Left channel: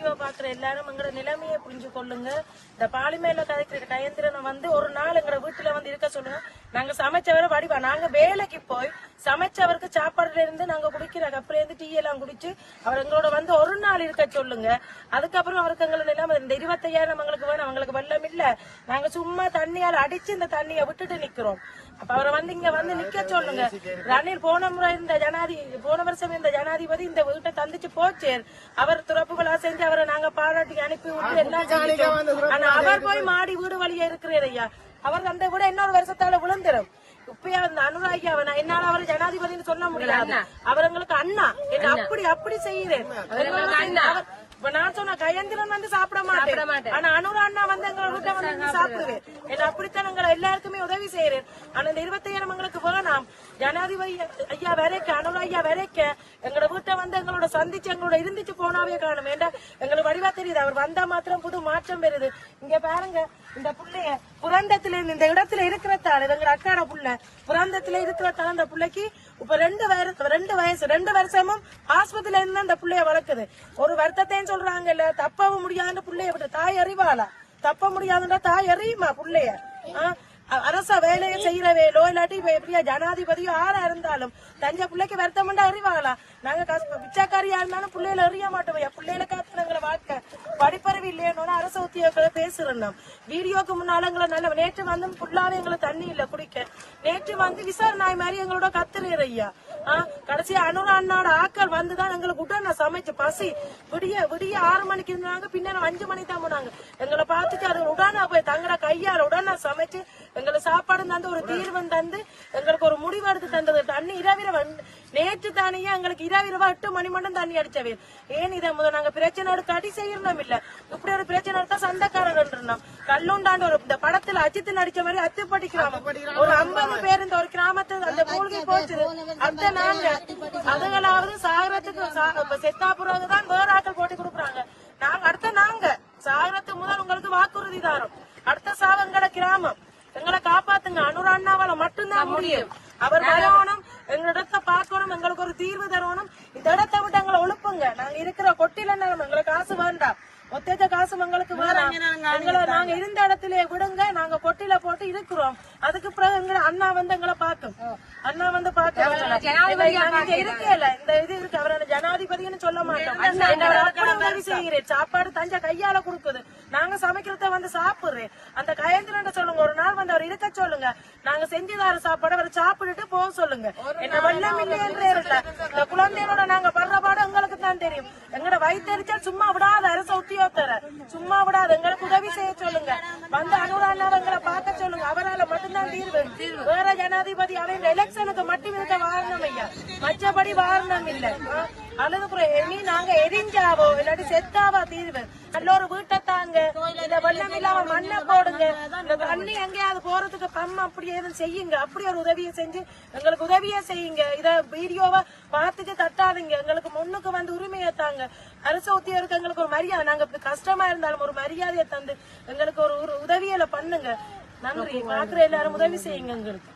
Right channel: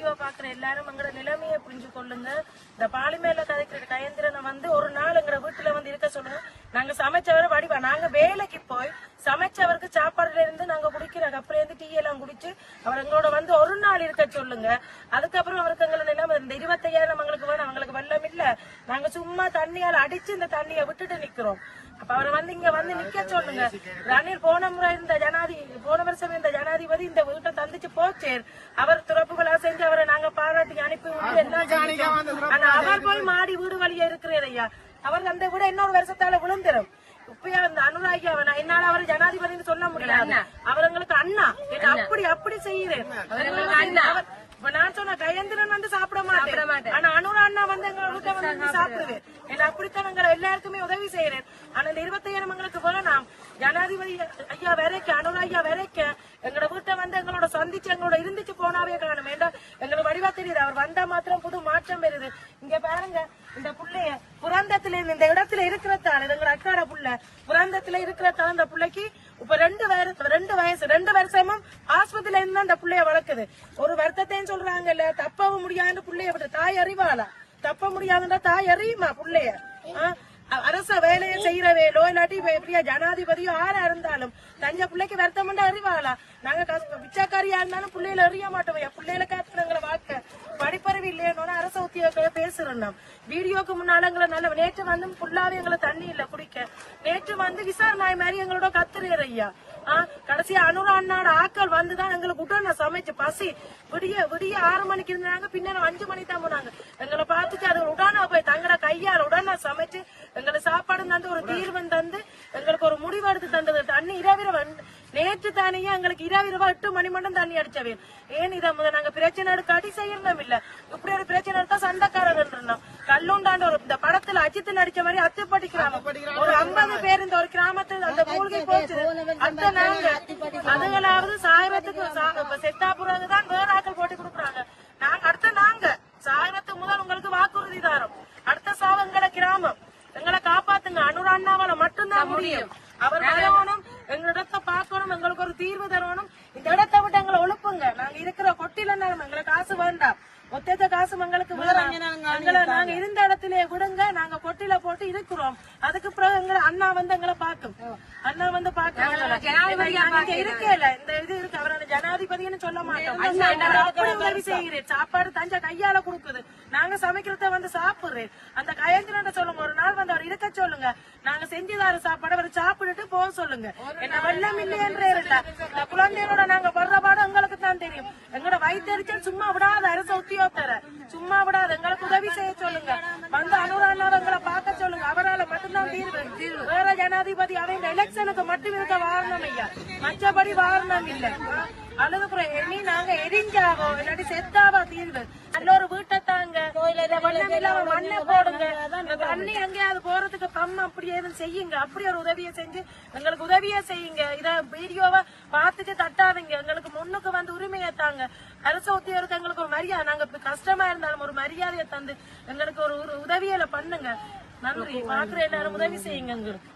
Video பாக்குற எல்லாரும் எங்களோட நிலைமையை புரிஞ்சு கொள்ளுங்க. இந்த பாலிமேல கதைக்கிற கயந்திரனை வந்து ஒரு நாள் எங்க வீட்டுல வந்து இருக்க சொல்லுங்க. நாங்க சமைச்சவரை வடிவா நாங்க வேலைக்கு போய் சமைச்சவருக்கு சாப்பாடுல இருந்து நாங்க குடிக்கிற கப்பல இருந்து டீ எல்லாம் குடிச்சு அவர் எங்களோட வந்து ஒரு நாள் இருக்க சொல்லுங்க. அதுக்கப்புறம் அவருக்கு எங்களுக்கு எல்லாம் இந்த 25,000 எங்களுக்கு வேணும். அவங்களுக்கு வெள்ளம் இல்ல, நாங்க சும்மா தண்ணியால அடிச்சு இந்த தண்ணியை விட்டுட்டு நிக்கிறோம். அப்ப அவரை வந்து இங்க வந்து நிக்க சொல்லுங்க. ரணில் போன வருஷம் இந்த ஜனாதிபதி இந்த வீட்டை தந்துச்சு போச்சு. அவர் துறப்புகளா செஞ்சு அவரை நாங்க பாராட்டி அனுப்பி விட்டு எல்லாம் அவர் போய் மாடி வீடு வழியா இருக்கிறார் ஐயா. அவர் அந்த கூட இன்னொரு வருஷத்தால விழுந்துரும். இப்ப அந்த அனுராகி என்னால அவர் ஜனாதிபதினு சொல்ல முடியாது. அவர் எங்களுக்கு அண்ணா அப்படி செய்யறேன். இப்ப நான் சொன்ன கயந்திரன் வந்து சாப்பிட மாட்டேன். ஆனா அனுரா அண்ணா வந்து எங்க வீட்டை வந்து சாப்பிடுவேன். என்ன அப்படித்தான் எங்களை எல்லாருக்குமே உதவி செய்யறேன். ஆனா இந்த 25,000 எங்களுக்கு வேணாம். ஜனாதிபதி ஐயா வரைக்க அனுரா ஐயா வரைக்க எங்களோட வீட்டை வந்து எங்களோட சந்திச்சு எங்களோட இருந்துச்சு போனாவே காணும். ஏண்டா எங்களுக்கு வடிவா தெரியுது. அவர் வந்தா மாத்திரம் புது மாற்றம் வருது. இங்க பாருங்க, இந்த புள்ளைய புராந்தத்துல இந்த இடத்துல இருக்கிறதால எங்க அக்காட புள்ள புராந்தத்துல இருக்கிறதால இந்த பிள்ளைக்கு இப்ப 2 வருஷமும் ஆஸ்பத்திரியில இருந்து அந்த பிள்ளைய வளர்க்குது. ஒரு வருத்தத்தையும் சொல்றாங்கல்ல, தப்பவும் முடியாத பிள்ளைய விட்டு தாய் அறிவாளா? தப்ப முடியாதுன்னா தாய் அறியுமா பிள்ளைய? அரச வேலையை செய்யறவே இல்லாட்டி எப்படியா ஜனாதிபதியோ யாரா இருந்தாலும் தஞ்ச பிள்ளைக்கு வருத்தம் அறிவாளா? நாங்க பிச்சைக்காரியா இருந்தாலும் பிள்ளைகளை அறிய மாட்டோம். பிள்ளைகளை காத்துறங்களை வாழ்க்கை படிப்பறிவு இல்லையோன்னு அரசு உத்தியோகங்களை பேசுறோம். வீடியோக்கு முன்னால எங்களை நல்ல நேற்று வந்து ஃபுல்லாவே எங்களை தண்ணி இல்ல குடிக்க. நேற்று வந்து விசாரணை மாதிரி எங்களோட கத்துறேன் ஐயா. கடைசி அனுரா அண்ணாட ஆக்கள் வந்துதான் எங்களுக்கு உடனே சமைச்சு பசி விடிய 6 மணிக்கு இருந்தாங்க. பின்னால 5 மணிக்கு தான் போனாங்க. எங்களை பார்த்துட்டு அது உடனே போய் தங்கட கையால் உடனே சமைச்சு எங்களுக்கு சாப்பாடு தந்து ஒரு தீர்வு தந்து எங்களுக்கு ஒரு முடிவு எடுத்து தந்தது. தண்ணி இரவிரவ நேற்று தானியா எங்களுக்கு இரவிரவா 8 மணி மட்டும் தண்ணி அடிச்சவே. ஏன் இதை முதல் நாங்க பிரச்சனை எடுக்க அடி செய்யணும் இல்ல. இப்படி ஒரு பிரச்சனை எடுத்தா சண்டைக்காரர் இருந்தான். கல்லுண்டாண்டு ஒரு இந்த படத்துல அஜித்தில் அடிச்ச மாதிரி அத்துப்பட்டி கிராமம் ஒரு 50 பேர் இந்த ஒரு கிராமத்தை அந்த மூழ்கி போச்சு. அதுகளாவது சாகரத்துக்கு செத்தா பிறகுதான் வேற ஆக்கள் போட்டு கொடுக்குறாங்க. நாங்க சாகரத்துக்கு முதல் உங்களுக்கு வாக்குறுதி தாரோம். அடுத்த சாவங்கள கிராமம் எங்களை காப்பாத்துங்க. அனுரா அண்ணாவால மட்டும்தான் முடியும். அவர் வரணும், எங்களிடத்தை பார்க்கணும், எங்களுக்கு ஒரு தீர்வு தரணும். இந்த இடத்தை விட்டு எங்களை ஒழுப்புங்க. நாங்க இருக்கிற கொட்டில எங்களுக்கு காசு வேண்டாம். மொத்த காசு எங்களுக்கு எங்களை நாங்க இருந்த இடத்துல விடுங்க. நாங்க கொட்டில போட்டு இருக்கிறோம். அதுக்கு பிறகு எங்களை அண்ணா வந்து எங்களை பார்க்கும். அண்ணா வந்து பாக்கல இருக்கல இந்த இது இருக்கு. அவரோட ஜனாதிபதினு சொல்ல மாட்டோம். உதவி செய்கிறேன். சாப்பாடு தஞ்ச கையால கொடுக்குது. நாங்க சமைக்கிறத வந்து சாப்பிடுறேன். அந்த கயந்திரன் சொல்லுங்க, ஒரு நாள் வந்து அவர் இருக்க சொல்லுங்க. நாங்க செஞ்சுதார சாப்பாடு அவர் சாப்பிட்டுட்டு போக சொல்லுங்க. என்ன வெள்ளம் இல்லையன்றே இந்த குழந்தையோட நாங்க படுற பாடு எங்களுக்கு தான் தெரியும். எங்களோட வயிற்றுச்சல் சும்மா விடாத அரசு உத்தியோகத்தர சும்மா விடாது. எங்களுக்கு உதவி செய்ய சொல்லுங்க. வந்து அனுரா அண்ணாவங்களை பார்க்க சொல்லுங்க. அவரால் மட்டும்தான் தீர்வு. வேற ஜனாதிபதி அவங்க எலெக்ஷனுக்கு மட்டும் இருக்க வாழணும் ஐயா. மற்றபடி வாழணும் இல்ல. அழுது இனி நாங்க எரிஞ்சாவோ இல்லாட்டி செத்தாவோ தீர்வு. நல்ல ஒரு வீட்டை தாங்க, மண்ணை போடுங்க. தண்ணி எங்கேயாவது போறதுக்கு பம் அப்படி எதுவும் செய்யுங்க. அப்படி ஒரு உதவியை செஞ்சு எங்களுக்கு உதவியா செய்யுங்க. இத வீடியோவை பார்த்துட்டு தட்டாதீங்க. எங்களுக்கு முன்னுக்கு வந்து உரிமையை தாங்க. அரசு உத்தியோகருக்கு எங்களுக்கு ஒரு மரியாதை, நாங்க கஷ்டமா இருந்தாலும் ஒரு மரியாதையை தந்து எங்களுக்கு ஒரு உதவியில பண்ணுங்க. நன்றி. பாக்குற எல்லாரும் உதவி செய்யுங்க எங்களுக்கு.